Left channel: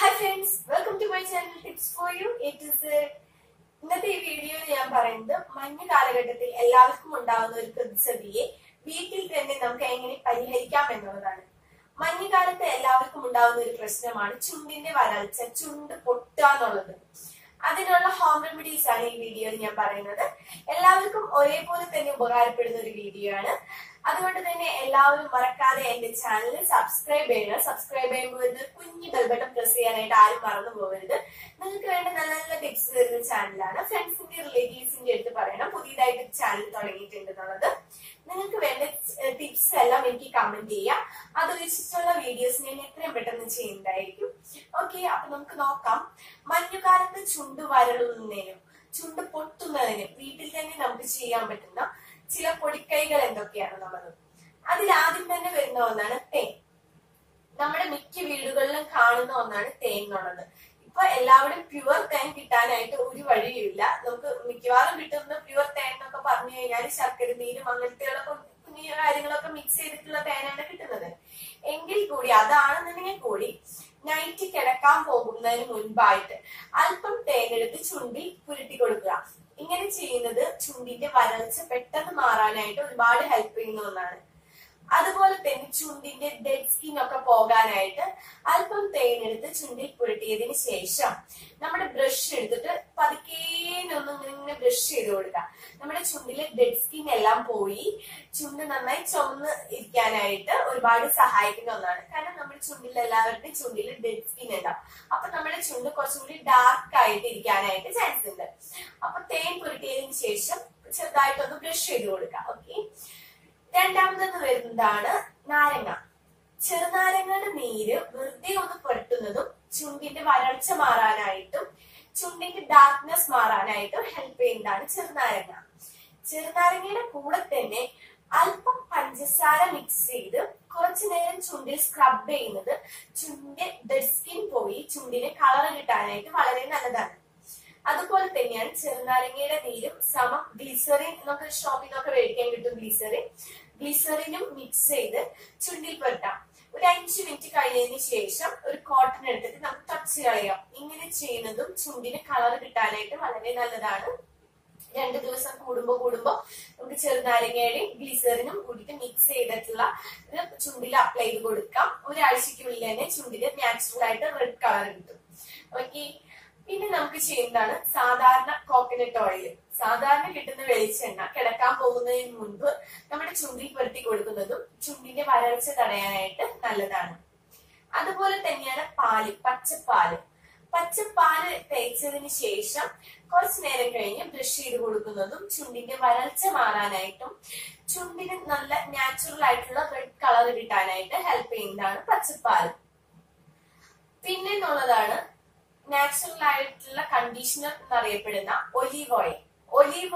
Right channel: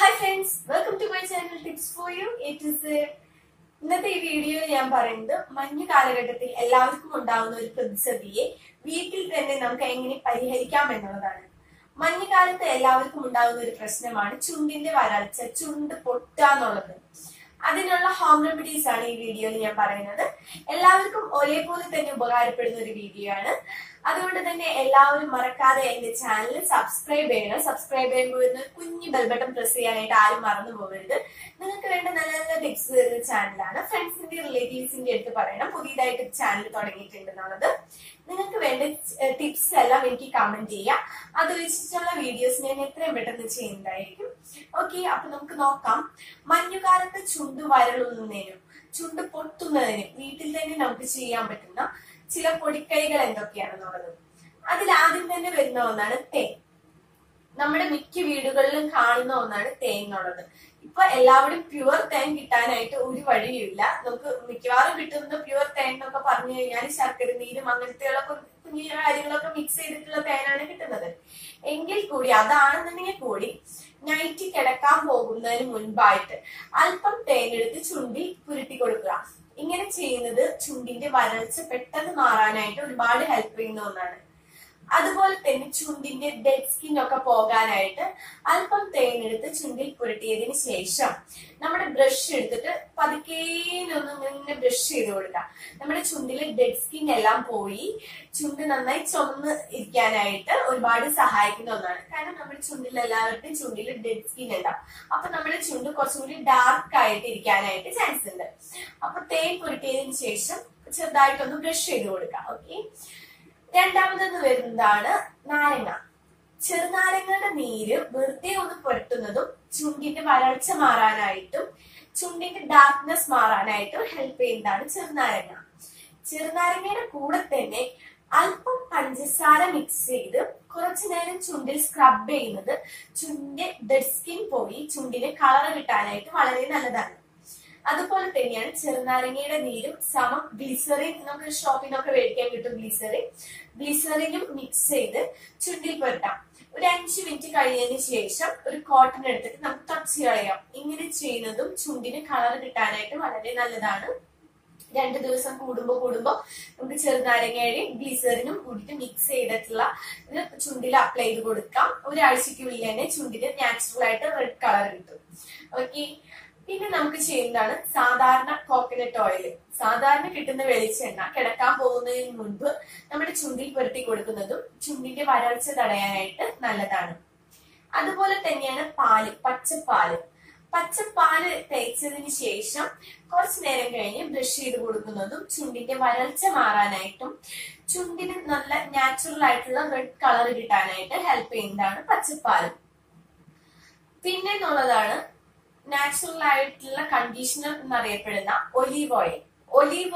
Hi friends, welcome to my channel Tips for You. It is ഇന്നത്തെ ഈ വീഡിയോയിൽ ഞാൻ പറയുന്നത് മഞ്ഞ് കാലഘട്ടത്തിൽ എല്ലാവർക്കും ഉണ്ടാവുന്ന ഒരു പ്രതിസന്ധിയെ വീട്ടിൽ തന്നെ നമുക്ക് എങ്ങനെ പരിഹരിക്കാം എന്നുള്ളതാണ്. മഞ്ഞുകാലത്ത് എല്ലാവർക്കും ഉണ്ടാവുന്ന ഒരു പ്രശ്നമാണ് ചുണ്ടിന്റെ വരൾച്ച, ചുണ്ട് പൊട്ടുക എന്നുള്ളത്. അതിനുള്ള ഹോം റെമഡീസ് ആണ് ഈ വീഡിയോയിൽ ഞാൻ പറയുന്നത്. എല്ലാവർക്കും ഒരേപോലെ തന്നെ ഉപകാരപ്പെടുന്ന ഒരു വീഡിയോ ആണ്. അതുകൊണ്ട് തന്നെ എല്ലാവരും മറക്കാതെ എന്റെ ചാനൽ സബ്സ്ക്രൈബ് ചെയ്യണം. സബ്സ്ക്രൈബ് ചെയ്യുമ്പോൾ കുഞ്ഞു ബെൽ ബട്ടൺ പ്രസ് ചെയ്യാനായിട്ട് ആരും മറന്നു പോകരുത്. നിങ്ങൾക്ക് വേണ്ട നല്ല നല്ല ടിപ്സ് തരുന്ന ചാനലാണ്. ഫ്രണ്ട്സിന്റെ റിലേറ്റീവ്സിന്റെ അടുത്ത് പറയണം പുതിയതായിട്ട് ചാനൽ തുടങ്ങിയിട്ടുണ്ടെന്നുള്ളത്. നിങ്ങൾക്ക് വേണ്ട ടിപ്സ് എല്ലാം എനിക്ക് കമന്റ് ചെയ്യാം. അത് വെച്ചിട്ടുള്ള വീഡിയോസ് ഞാൻ എത്രയും പെട്ടെന്ന് ചെയ്യുന്നതായിരിക്കും. ഓക്കെ, അപ്പൊ നമുക്ക് നോക്കാം. മഞ്ഞുകാലത്ത് ചുണ്ട് വരളുന്നതിനും ചുണ്ട് പൊട്ടുന്നതിനും വീട്ടിൽ തന്നെ നമുക്ക് ചെയ്യാൻ പറ്റുന്ന ചില പൊടിക്കൈകൾ എന്തൊക്കെയാണെന്നുള്ളത്. അതിൽ ആദ്യം തന്നെ വരുന്ന ഒന്നാണ് തേൻ. നമ്മുടെ മിക്ക വീടുകളിലും കാണുന്ന ഒന്നാണ് തേൻ എന്നുള്ളത്. ഇപ്പൊ എല്ലാവരും പ്യുവർ തേൻ കിട്ടാനായിട്ട് ഒരു വഴിയുമില്ല. നമുക്ക് മിക്കവാറും കിട്ടുന്ന പ്യുവർ തേൻ എന്നൊക്കെ പറഞ്ഞു കഴിഞ്ഞാൽ ശർക്കര നീരും അങ്ങനത്തെയുള്ള കുഞ്ഞു കാര്യങ്ങളൊക്കെ മിക്സ് ചെയ്തിട്ടുള്ള തേനാണ് കിട്ടുന്നത്. എങ്കിൽ കൂടി അതാണെന്നുണ്ടെങ്കിൽ കൂടി നൈറ്റ് കിടക്കാൻ പോകുന്നതിന് മുൻപായിട്ട് അല്പം തേനെടുത്ത് ചുണ്ടിൽ പുരട്ടി കൊടുക്കുക. ഇങ്ങനെ ചെയ്യുന്നത് ചുണ്ടിന്റെ വരൾച്ച പെട്ടെന്ന് മാറാനായിട്ട് ഒരുപാട് ഹെൽപ്പ് ചെയ്യുന്ന ഒന്നാണ്. അതുപോലെ തന്നെ ചുണ്ടിന്റെ ഡെഡ് സ്കിൻ ഒക്കെ പോകാനായിട്ട് അല്പം തേനെടുത്ത് ചുണ്ടിൽ പുരട്ടിയതിന് ശേഷം നമ്മുടെ ബ്രഷ് എടുത്തിട്ട് പതുക്കേനൊന്നും ഇങ്ങനെ ബ്രഷ് ചെയ്ത് കൊടുക്കുക. നമ്മുടെ ചുണ്ടിലെ ഡെഡ് സ്കിൻ എല്ലാം പോയി ചുണ്ട് നന്നായി ചുമന്ന് ഇരിക്കാനായിട്ട് ഒരുപാട് സഹായിക്കുന്ന ഒന്നാണ്. കാരണം നമ്മുടെ ചുണ്ടിൽ എല്ലാവരുടെയും ചുണ്ടിൽ ഡെഡ് സ്കിൻ ഉണ്ടാവും. അപ്പൊ നമ്മുടെ ചുണ്ട് കുറച്ചുകൂടി ഡാർക്ക് ആയിട്ട് ഇരിക്കാനായിട്ട് ചാൻസ് ഉണ്ട്. അപ്പൊ തേൻ പുരട്ടിയതിന് ശേഷം ചെറുതായിട്ടൊന്ന് ബ്രഷ് ചെയ്ത് കൊടുക്കുക. ഓക്കെ, രണ്ടാമതെന്ന് വരുന്നതാണ് നാരങ്ങ. ചെറുനാരങ്ങയുടെ നീര് വെറുതെ ഒന്ന് പുരട്ടുന്നതും ചുണ്ടിന്റെ വരൾച്ച മാറാനായിട്ടും ചുണ്ടിന്റെ ഡാർക്ക്നെസ് മാറാനായിട്ടും ഹെൽപ്പ് ചെയ്യുന്നതാണ് ചെറുനാരങ്ങ. ചെറുനാരങ്ങയുടെ കൂടെ തന്നെ അല്പം പഞ്ചസാര മിക്സ് ചെയ്ത് കുറച്ചു നേരം ചുണ്ടിൽ സ്ക്രബ് ചെയ്യുന്നത് ചുണ്ടിന്റെ ഡെഡ് സ്കിൻ പോയി ചുണ്ടിന് കളർ കിട്ടാനായിട്ട് വളരെ നല്ലതാണ്. അതുപോലെ തന്നെയാണ് ചെറുനാരങ്ങയുടെ നീരും സമം ഗ്ലിസറിൻ, നമുക്ക് ഷോപ്പിൽ നിന്നൊക്കെ മേടിക്കാൻ കിട്ടും ഗ്ലിസറിനും മിക്സ് ചെയ്ത് ചുണ്ടിൽ പുരട്ടാം. ഒരു 5 മിനിറ്റ് കഴിഞ്ഞതിന് ശേഷം ഒരു കോട്ടൺ എടുത്തിട്ട് നമുക്ക് തുടച്ച് കളയാം. ഇങ്ങനെ ചെയ്യുന്നതും ചുണ്ടിന് കളർ കിട്ടാനായിട്ട് വളരെ നല്ലതാണ്. 2 ദിവസം കൂടുമ്പോ നമുക്ക് ചെറുനാരങ്ങയുടെയും ഗ്ലിസറിനും കൂടിയിട്ട് മിക്സ് ചെയ്തിട്ടുള്ള ഇത് ചുണ്ടിൽ അപ്ലൈ ചെയ്ത് കൊടുക്കാം. ഒരാഴ്ചക്കുള്ളിൽ തന്നെ ചുണ്ടിന് നാച്ചുറൽ ആയിട്ട് റെഡ് കളർ കിട്ടും. ഓക്കെ, പിന്നെ നമുക്ക് ചെയ്യുന്നതാണ് സാധാരണ കോക്കനട്ട് ഓയിൽ. സാധാരണ കിട്ടുന്ന വെളിച്ചെണ്ണ കിടക്കാൻ പോകുന്നതിന് മുൻപ് നമ്മുടെ ചുണ്ടിൽ പുരട്ടി കൊടുക്കുന്നതും ചുണ്ടിന്റെ വരൾച്ച തടയാനായിട്ട് നല്ലതാണ്. അതുപോലെ തന്നെയാണ് പാല്, പച്ചപ്പാല് തേച്ചതിന് ശേഷം കുറച്ചു നേരം കഴിഞ്ഞ് ബ്രഷ് ചെയ്ത് കൊടുക്കുന്നതും ചുണ്ടിന്റെ വരൾച്ച മാറാനായിട്ടും ചുണ്ടിന് നല്ല നാച്ചുറൽ ആയിട്ടുള്ള റെഡ് കളർ കിട്ടാനായിട്ട് ഹെൽപ്പ് ചെയ്യുന്നതാണ് പച്ചപ്പാല്. പിന്നെ എന്നുള്ളതാണ് നാച്ചുറൽ ആയിട്ടുള്ള കണ്ടീഷണർ എന്നറിയപ്പെടുന്ന ഒലീവ്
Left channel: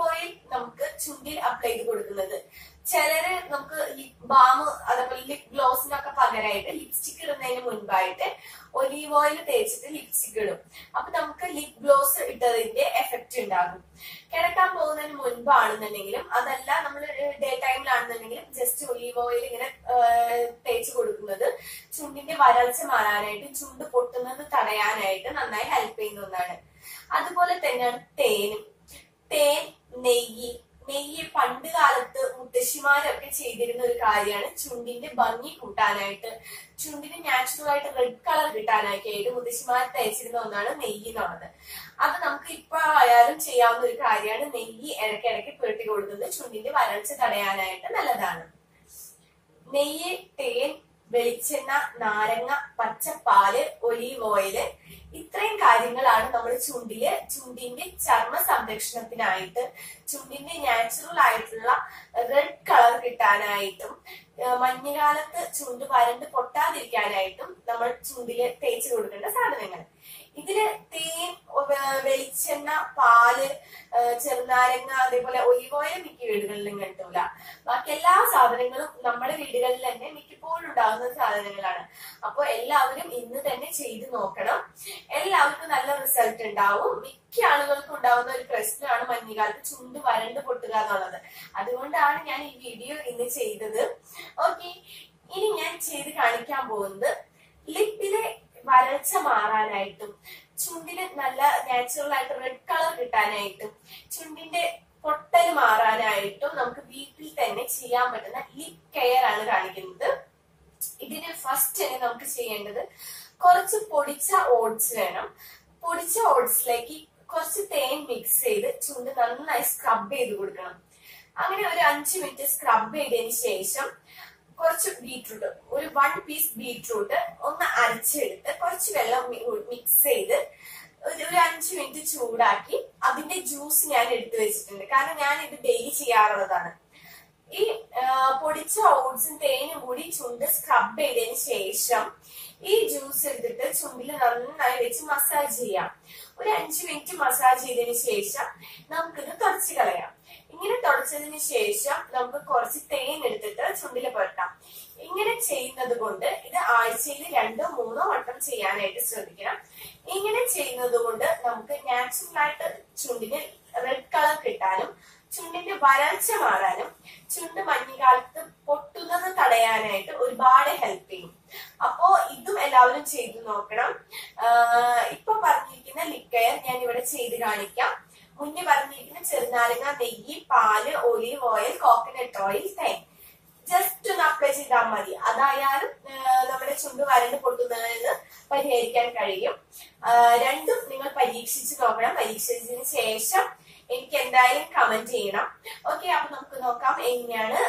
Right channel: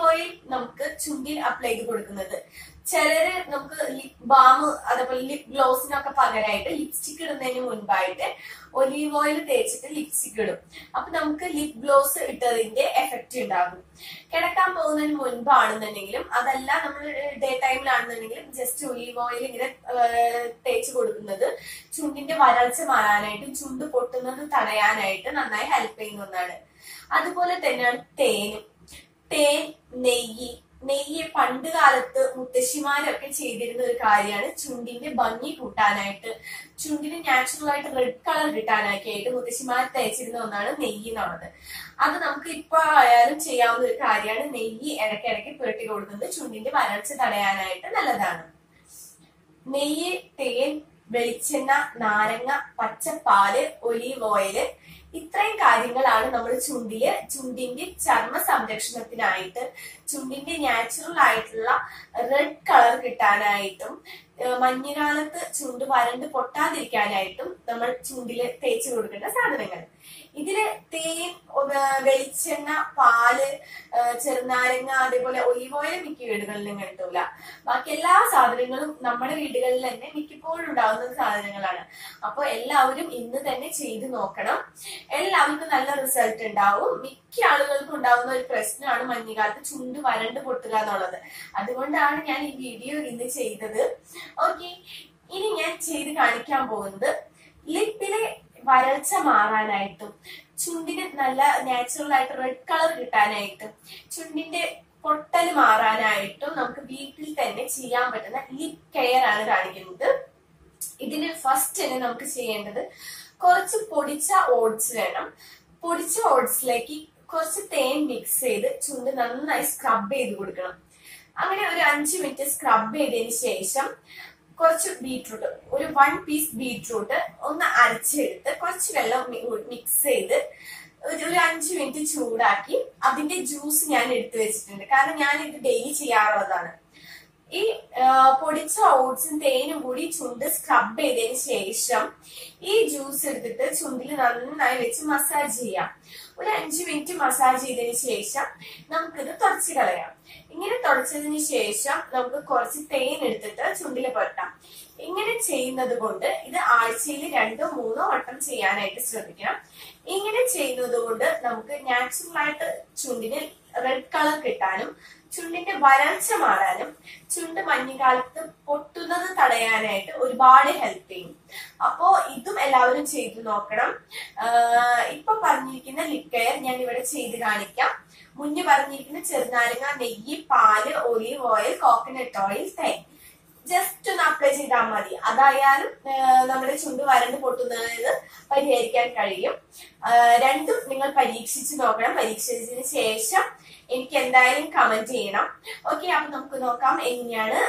ഓയിൽ നമുക്ക് ചുണ്ടിൽ അപ്ലൈ ചെയ്ത് കൊടുക്കുന്നത്. ചിലര് നമുക്ക് ലിപ് ബാം അതേപോലെ ലിപ് ഗ്ലോസിനൊക്കെ പകരമായിട്ട് ലിപ്സ്റ്റിക് ഇടുന്നതിന് മുൻപായിട്ട് ഒലീവ് ഓയിൽ തേച്ചിട്ട് ലിപ്സ്റ്റിക് ഇടും. അപ്പൊ നമുക്ക് ലിപ് ഗ്ലോസ് ഇട്ടതിന്റെ എഫക്റ്റ് ഉണ്ടാകും. കിടക്കാൻ പോകുന്നതിന് മുൻപാണെന്നുണ്ടെങ്കിലും അതല്ല നമ്മൾ ഡേ ടൈമിലാണെന്നുണ്ടെങ്കിലും ജസ്റ്റ് ഒലീവ് ഓയിൽ ഇങ്ങനെ തേച്ച് കൊടുക്കുന്നത് ചുണ്ടിന്റെ വരൾച്ച മാറാനായിട്ടും ചുണ്ട് പൊട്ടുന്നത് തടയാനായിട്ട് നന്നായി ഹെൽപ്പ് ചെയ്യുന്ന ഒന്നാണ്. അതുപോലെ തന്നെയാണ് തേൻ, നെയ്യ് പണ്ട് കാലത്ത് മുത്തശ്ശിമാരൊക്കെ ചെയ്തിരുന്ന ഒരു കാര്യമാണ്. ചുണ്ടിന്റെ ഭംഗി കൂട്ടാനായിട്ട് ചുണ്ടിന് നാച്ചുറൽ ആയിട്ട് റെഡ് കളർ കിട്ടാനായിട്ട് മുത്തശ്ശിമാർ തേച്ചിരുന്ന ഒന്നാണ് നെയ്യ് എന്നുള്ളത്. അത് നമുക്ക് ഇപ്പൊ ആയാലും ചെയ്യാവുന്ന ഒരു കാര്യമാണ്. നെയ്യ് ഇടയ്ക്കിടയ്ക്ക് പുരട്ടി കൊടുക്കുന്നത് ചുണ്ടിന്റെ വരൾച്ച തടയാനായിട്ട് നല്ലതാണ്. നെയ്യ്, തേൻ, വെളിച്ചെണ്ണ, നാരങ്ങ, പച്ചപ്പാല്, ഒലീവ് ഓയില്, ഇത്രയും കാര്യങ്ങളാണ് നമ്മൾ ചുണ്ടിന്റെ ചർമ്മ സംരക്ഷണത്തിനായിട്ട് ചുണ്ടിന്റെ നാച്ചുറൽ ആയിട്ടുള്ള റെഡ് കളർ കിട്ടാനായിട്ടും മഞ്ഞുകാലത്ത് ചുണ്ട് വരണ്ട് പൊട്ടാതിരിക്കാനായിട്ടും നമ്മൾ ചുണ്ടില് തേച്ച് കൊടുക്കേണ്ട സാധനങ്ങൾ. ഇതില് തേൻ, വെളിച്ചെണ്ണ, പാല്, ചെറുനാരങ്ങ, അതേപോലെ ഒലിവ് ഓയിൽ മിക്ക വീടുകളിലും കിട്ടൂല. ബാക്കി എല്ലാ സാധനങ്ങളും നമ്മുടെ വീടുകളിൽ തന്നെ മിക്കപ്പോഴും ഉണ്ടാകുന്ന സാധനങ്ങളാണ്. അപ്പൊ എല്ലാവരും ഇന്ന് തന്നെ ചെയ്തു നോക്കണം. എല്ലാവർക്കും നല്ല റിസൾട്ട് ഉണ്ടാവും. മിക്ക ആളുകൾക്കും ഉണ്ടാവുന്ന ഒരു പ്രശ്നമാണ് മഞ്ഞുകാലത്ത് ചുണ്ട് വരണ്ട് പൊട്ടുക എന്നുള്ളത്. അതുകൊണ്ടാണ് ഞാൻ ഈ വീഡിയോ ഇന്ന് ചെയ്തത്. ഓക്കെ, ഇനി ഞാൻ ചെയ്ത് കാണിക്കാൻ പോകുന്നത് ലിപ്പിലെ വരൾച്ച മാറാനായിട്ടും ചുണ്ടിന് നല്ല നാച്ചുറൽ ആയിട്ട് റെഡ് കളർ കിട്ടാനായിട്ടും ചുണ്ടിന്റെ പൊട്ടല് മാറാനായിട്ടും നമുക്ക് വീട്ടിൽ തന്നെ ചെയ്യാൻ പറ്റുന്ന ലിപ് കെയർ ആണ് കാണിക്കുന്നത്. ഇതിന് ഫസ്റ്റ് തന്നെ നമുക്ക് ചെയ്യേണ്ടത് കുറച്ച് പൊടിച്ച ഓട്സ് വേണം. പൊടിച്ച ഓട്സിലേക്ക് കുറച്ച് തേൻ മിക്സ് ചെയ്ത് ചുണ്ട് നന്നായി സ്ക്രബ് ചെയ്ത് കൊടുക്കണം. അങ്ങനെ ഒരു 5 മിനിറ്റ് സ്ക്രബ് ചെയ്തതിന് ശേഷം കുറച്ച് ബീട്രൂട്ട്, ഒരു 1 പീസ് ബീട്രൂട്ട് ഒന്ന് അരച്ചെടുത്ത് കുറച്ച് വെള്ളം മിക്സ് ചെയ്ത് ഒരു 5 മിനിറ്റ് ചൂടാക്കി അതിന്റെ ജ്യൂസ് ഞാൻ എടുത്തു വെച്ചിട്ടുണ്ട്. കാരണം ഞാൻ ഇത് ഡെയിലി ചെയ്യാറുള്ളതാണ്. ഈ പൊടിച്ച ഓട്സും തേനും കൂടി ചുണ്ട് സ്ക്രബ് ചെയ്തതിന് ശേഷം ഈ ജ്യൂസ് എടുത്തിട്ട് ചുണ്ടിൽ നന്നായി വെച്ച് മസാജ് ചെയ്യാം. ഒരു 5 മിനിറ്റ് മസാജ് ചെയ്തതിന് ശേഷം നമുക്കിത് തുടച്ചു കളയാം. ഇങ്ങനെ തുടച്ചതിന് ശേഷം നമുക്ക് കുറച്ച് തേൻ എടുത്തിട്ട് ചുണ്ടിൽ പുരട്ടാം. ഇങ്ങനെ ചെയ്യുന്നത് കൊണ്ട് ഇത് ആഴ്ചയിൽ 2-3 വട്ടം ചെയ്യാനായിട്ട് ശ്രദ്ധിക്കണം. ഇങ്ങനെ ചെയ്യുന്നത് കൊണ്ട് നമുക്ക് നാച്ചുറൽ ആയിട്ട് ചുണ്ടിന് റെഡ് കളർ കിട്ടാനും ചുണ്ടിന്റെ വരൾച്ച മാറാനും ചുണ്ട് മഞ്ഞുകാലത്ത് പൊട്ടുന്നത് തടയാനായിട്ട് ഒരുപാട് ഹെൽപ്പ് ചെയ്യും. അപ്പോ ഇതും എല്ലാവരും ചെയ്തു നോക്കണം. ഇപ്പൊ പറഞ്ഞിരിക്കുന്ന ലിപ് കെയർ ഞാൻ ഇവിടെ ചെയ്ത് കാണിക്കാം. മുന്നേ പറഞ്ഞിരിക്കുന്ന ചെറുനാരങ്ങ, നെയ്യ്, പാല്, ഒലീവ് ഓയിൽ, കോക്കനട്ട് ഓയിൽ, തേൻ ജസ്റ്റ് ഒന്ന് അപ്ലൈ ചെയ്താൽ മതി. അതായാലും നമ്മുടെ ചുണ്ട് വരണ്ട് പൊട്ടുന്നത് പരിഹരിക്കാൻ കഴിയും. രണ്ടും നിങ്ങൾ പരീക്ഷിച്ച് നോക്കണം. പരീക്ഷിച്ചതിന് ശേഷം എനിക്ക് എന്തായാലും കമന്റ് ചെയ്യണം. ഓക്കെ, അപ്പൊ നമുക്ക് നോക്കാം എങ്ങനെയാണ്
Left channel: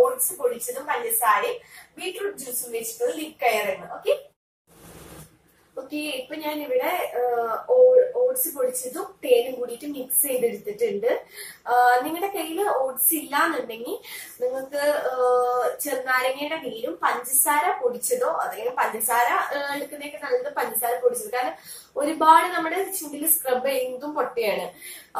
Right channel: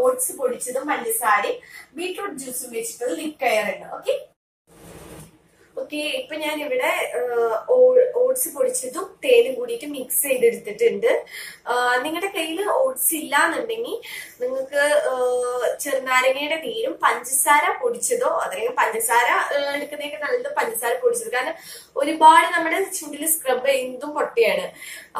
ഓട്സ് പൊടിച്ചതും പഞ്ചസാരയും ബീട്രൂട്ട് ജ്യൂസും വെച്ചിട്ടുള്ള ലിപ് കെയർ എന്ന്. ഓക്കെ, ഇപ്പൊ ഞാൻ ഇവിടെ ഓട്സ് പൊടിച്ചതും തേനും കൂടിയിട്ട് മിക്സ് ചെയ്തെടുത്തിട്ടുണ്ട്. നിങ്ങളുടെ കയ്യിൽ ഓട്സ് ഇല്ലാന്നുണ്ടെങ്കിൽ നിങ്ങൾക്ക് ചെറുനാരങ്ങയുടെ നീരും പഞ്ചസാര പൊടിച്ചതോ അല്ലെങ്കിൽ പഞ്ചസാര എടുക്കുന്നതൊക്കെ നല്ലത് പഞ്ചസാര പൊടിച്ചത്. കാരണം ഒരുപാട് നമ്മുടെ ചുണ്ടിൽ സ്ക്രബ് ചെയ്യുന്നതും പൊട്ടയാണ്.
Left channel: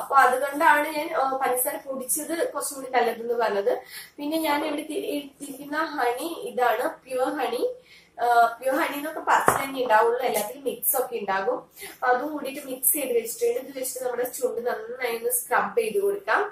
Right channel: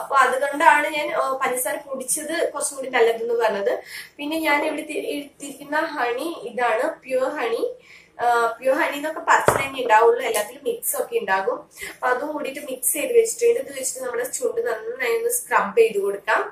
അപ്പൊ അതുകൊണ്ടാണ് ഞാൻ പഞ്ചസാര പൊടിച്ചത് കുറച്ചും കൂടി നല്ലതെന്ന് പറഞ്ഞത്. പിന്നെ ഞാൻ ഇവിടെ എടുത്തിരിക്കുന്ന ഹണി ഇതാണ്, പ്യുവർ ഹണി. പ്യൂർ ഹണി എന്നൊക്കെ പറിച്ചിൽ തന്നെ ഉണ്ടാവുള്ളൂ, എല്ലാത്തിലും മിക്സ് ഒക്കെ ഉണ്ടാകും. അപ്പൊ അതും കൂടിയിട്ട് മിക്സ് ചെയ്ത് വെച്ചിട്ടുണ്ട്. ഇത് വെച്ചിട്ട് നമ്മുടെ ചുണ്ട് നന്നായി ഒന്ന് സ്ക്രബ് ചെയ്ത് കൊടുക്കാം.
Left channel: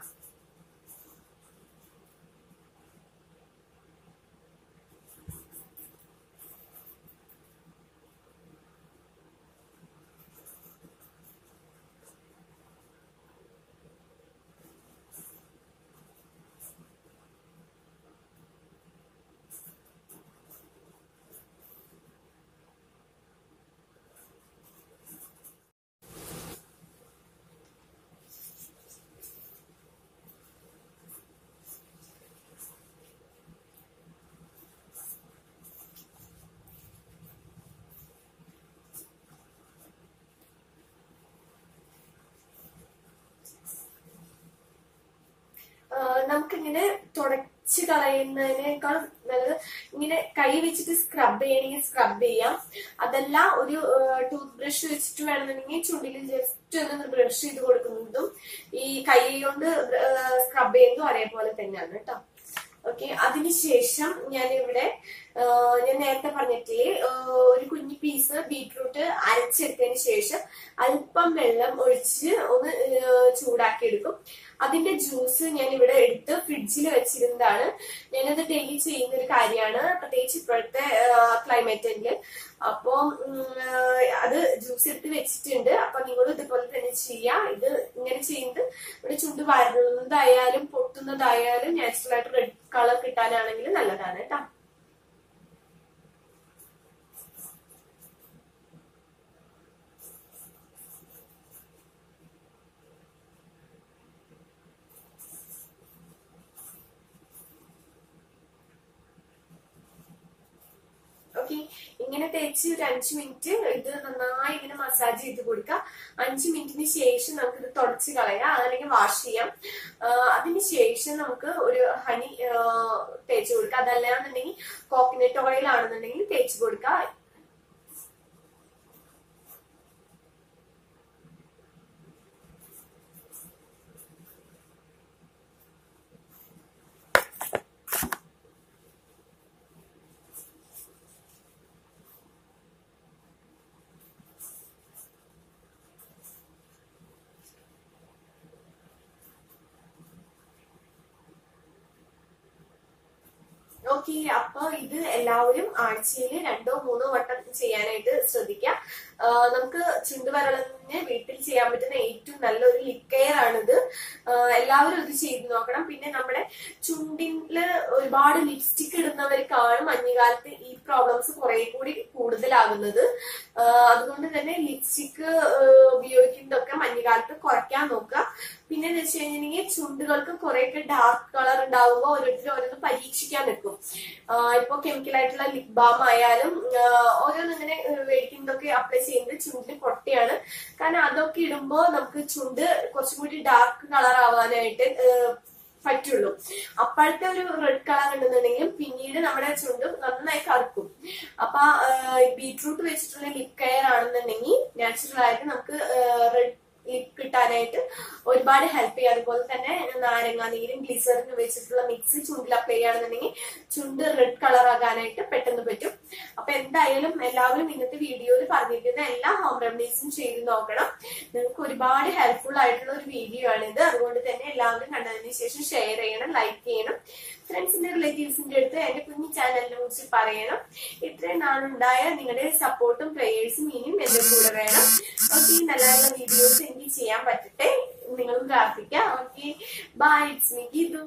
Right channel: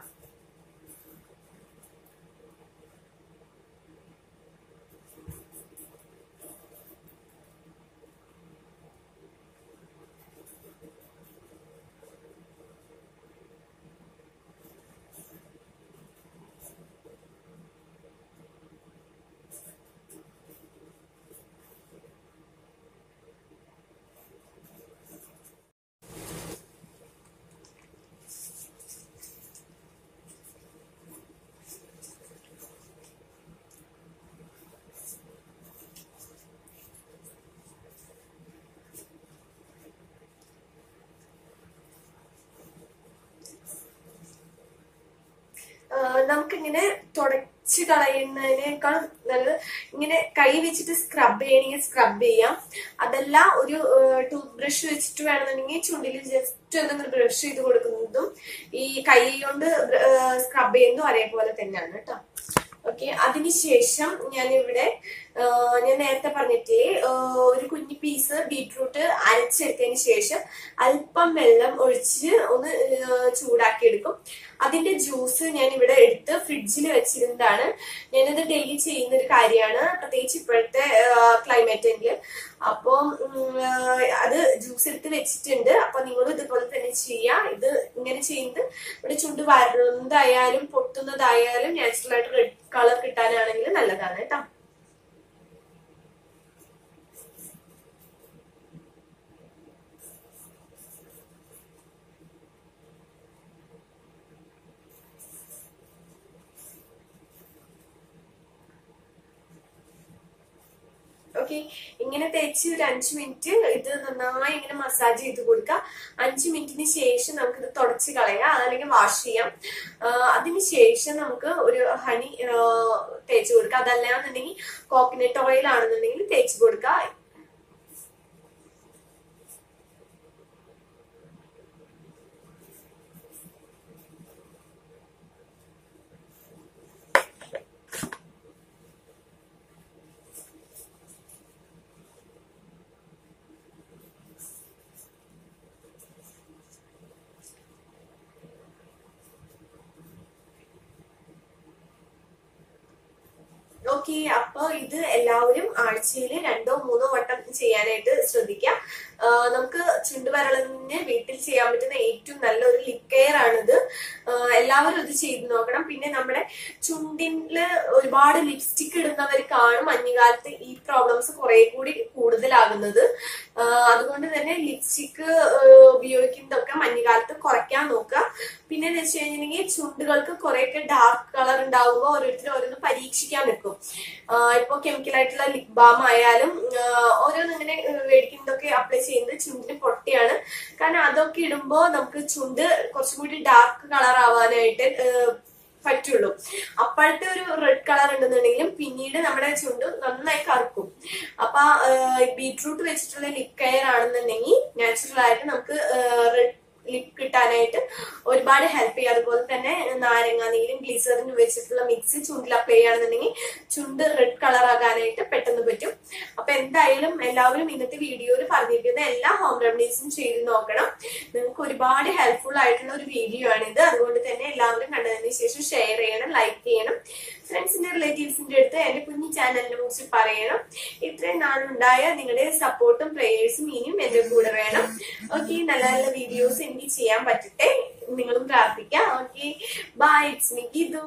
നമുക്കിങ്ങനെ തുടച്ച് കളയുന്നതിനേക്കാൾ നല്ലത് ഇങ്ങനെ കൈ വെച്ചിട്ട് സ്ക്രബ് ചെയ്യണമെങ്കിൽ സ്ക്രബ് ചെയ്യാം. അതല്ല ഒരു ടൂത്ത് ബ്രഷ് വെച്ചിട്ട് വേണമെന്നുണ്ടെങ്കിൽ ചുണ്ടിൽ ജസ്റ്റ് ഒന്ന് ബ്രഷ് ചെയ്ത് കൊടുക്കുന്നതും ഈ കൈ കൊണ്ട് സ്ക്രബ് ചെയ്യുന്നതും ഒരേപോലെ തന്നെയാണ് കേട്ടോ. ഓക്കെ, അതിനുശേഷം ഞാനിവിടെ ഞാൻ നേരത്തെ പറഞ്ഞിട്ടേ ഒരു കുഞ്ഞു പീസ് ബീട്രൂട്ട് അരച്ചെടുത്തതിന് ശേഷം അല്പം വെള്ളം ഒഴിച്ച് ഒന്ന് ചൂടാക്കി എടുക്കും. അതിന്റെ ജ്യൂസ് ഞാൻ ഇവിടെ എടുത്ത് ഫ്രിഡ്ജിൽ വെച്ചിരുന്നതാണ്. ഞാനത് ഡെയിലി ചെയ്യുന്ന ഒരു കാര്യമാണ്, പ്രത്യേകിച്ച് ഇപ്പോഴത്തെ ക്ലൈമറ്റില്. അപ്പൊ അത് ജ്യൂസ് എടുത്ത് വെച്ചിട്ടുണ്ട്. അപ്പൊ നിങ്ങളും ഇതുപോലെ തന്നെ ചെയ്യാം. ഇത് ഇങ്ങനെ ചെയ്യുന്നത് ഇവിടെ ചുണ്ട് വരളുന്നതായാലും പൊട്ടുന്നതായാലും നാച്ചുറൽ ആയിട്ട് റെഡ് കളർ കിട്ടാനാണെങ്കിൽ നല്ലതാണ് കേട്ടോ. ഓക്കെ, ഇങ്ങനെ തേച്ച് ഒരു 5 മിനിറ്റ് ഇത് നന്നായി ഇങ്ങനെ മസാജ് ചെയ്ത് കൊടുക്കുക. 5 മിനിറ്റിന് ശേഷം നമുക്ക് ഇത് തുടച്ച് കളയാം, അതല്ലെങ്കിൽ വാഷ് ചെയ്യാം. അതിനുശേഷം നമുക്ക് ഒരു ഹണി തേച്ച് കൊടുക്കുക. അതല്ലാന്നുണ്ടെങ്കിൽ കോക്കനട്ട് ഓയിൽ ആണെന്നുണ്ടെങ്കിൽ തേച്ച് കൊടുക്കുക. ഓക്കെ, അപ്പൊ ഇത് എല്ലാവരും ആഴ്ചയിൽ 2-3 വട്ടം ചെയ്യാനായിട്ട് ശ്രദ്ധിക്കാം. നമുക്ക് ചുണ്ടുവരളിന് വീട്ടിൽ ചെയ്യാൻ പറ്റുന്ന ഏറ്റവും നല്ലൊരു ലിപ് കെയർ ആണിത്. എല്ലാവരും ഇത് ചെയ്ത് നോക്കണം. പിന്നെ നമ്മുടെ ചുണ്ടില് ഒരുപാട് ലിപ്സ്റ്റിക് ഇടുന്നവർക്കാണ് മഞ്ഞുകാലത്ത് ഈ പ്രോബ്ലംസ് കുറെ കൂടി കൂടുതലാകുന്നത്. അതുകൊണ്ട് തന്നെ ലിപ്സ്റ്റിക് ഉപയോഗിക്കുന്നതൊക്കെ മഞ്ഞുകാലത്ത് കുറയ്ക്കാൻ നോക്കുക. പിന്നെ എന്ന് വെച്ച് കഴിഞ്ഞിട്ടുണ്ടെങ്കിൽ ചുണ്ടുകൾക്ക് കുറെയൊക്കെ ഡാർക്ക് കളർ ഉണ്ടാവുമ്പോൾ ഓരോരുത്തരും ഓരോന്ന് പരീക്ഷിക്കാൻ നിൽക്കും. ഇപ്പൊ കെമിക്കൽ ആയിട്ടുള്ള ലിപ് ബാം ആയാലും ഓരോന്ന് ഇങ്ങനെ മേടിക്കുന്നതൊക്കെ അപ്ലൈ ചെയ്യുന്നത് ചുണ്ടിന് പൊട്ടിയാണ്. കാരണം അതൊക്കെ ഇടുമ്പോ നമുക്ക് ചുണ്ട് കുറച്ചും കൂടി ഡാർക്ക് കളർ ആവാനായിട്ട് പറ്റുള്ളൂ. അപ്പോഴത്തെ ഒരു റെഡ് കളർ ഉണ്ടെന്നുണ്ടെങ്കിലും പിന്നീട് നമ്മുടെ ചുണ്ട് നന്നായി കറുക്കും. അപ്പൊ ബീറ്റ്റൂട്ട് വെച്ചിട്ടുള്ള ലിപ് കെയർ ആണെന്നുണ്ടെങ്കിൽ നാച്ചുറൽ ആയിട്ട് നമുക്ക് റെഡ് ലിപ് കിട്ടാനായിട്ട് ഒരുപാട് ഹെൽപ്പ് ചെയ്യും. അതുപോലെ തന്നെ നാരങ്ങ നീരും ഗ്ലിസറിനും വെച്ചിട്ടുള്ള മിക്സ് ചുണ്ടിൽ അപ്ലൈ ചെയ്യുകയാണെന്നുണ്ടെങ്കിൽ ചുണ്ട് റെഡ് കളർ ആകാനായിട്ട് പെട്ടെന്ന് പറ്റും. അപ്പൊ എന്തായാലും എല്ലാവരും ഇന്നത്തെ വീഡിയോയിൽ പറഞ്ഞിരിക്കുന്ന എല്ലാ ഹോം റെമഡീസും ചെയ്ത് നോക്കണം. നിങ്ങൾക്ക് ഒരുപാട് ഹെൽപ്ഫുൾ ആയിട്ടുള്ള ഒരു വീഡിയോ ആണിത്. അതുകൊണ്ട് തന്നെ എല്ലാവരും കണ്ടതിന് ശേഷം ഷെയർ ചെയ്യണം, ലൈക്ക് ചെയ്യണം, ഫ്രണ്ട്സിന്റെ റിലേറ്റീവ്സിന്റെ അടുത്ത് എന്റെ കുഞ്ഞു ചാനലിനെ കുറിച്ച് പറയണം. ഇത്രയും നാളുണ്ടായ നിങ്ങളുടെ സപ്പോർട്ടും പ്രേയേഴ്സും ഇനിയും എന്റെ കൂടെ വേണം. ഓക്കെ, നല്ല നല്ല വീഡിയോസ് എനിക്ക് ചെയ്യാൻ പറ്റട്ടെ, നിങ്ങളും പ്രാർത്ഥിക്കാം. Okay, bye, it's me Geethu.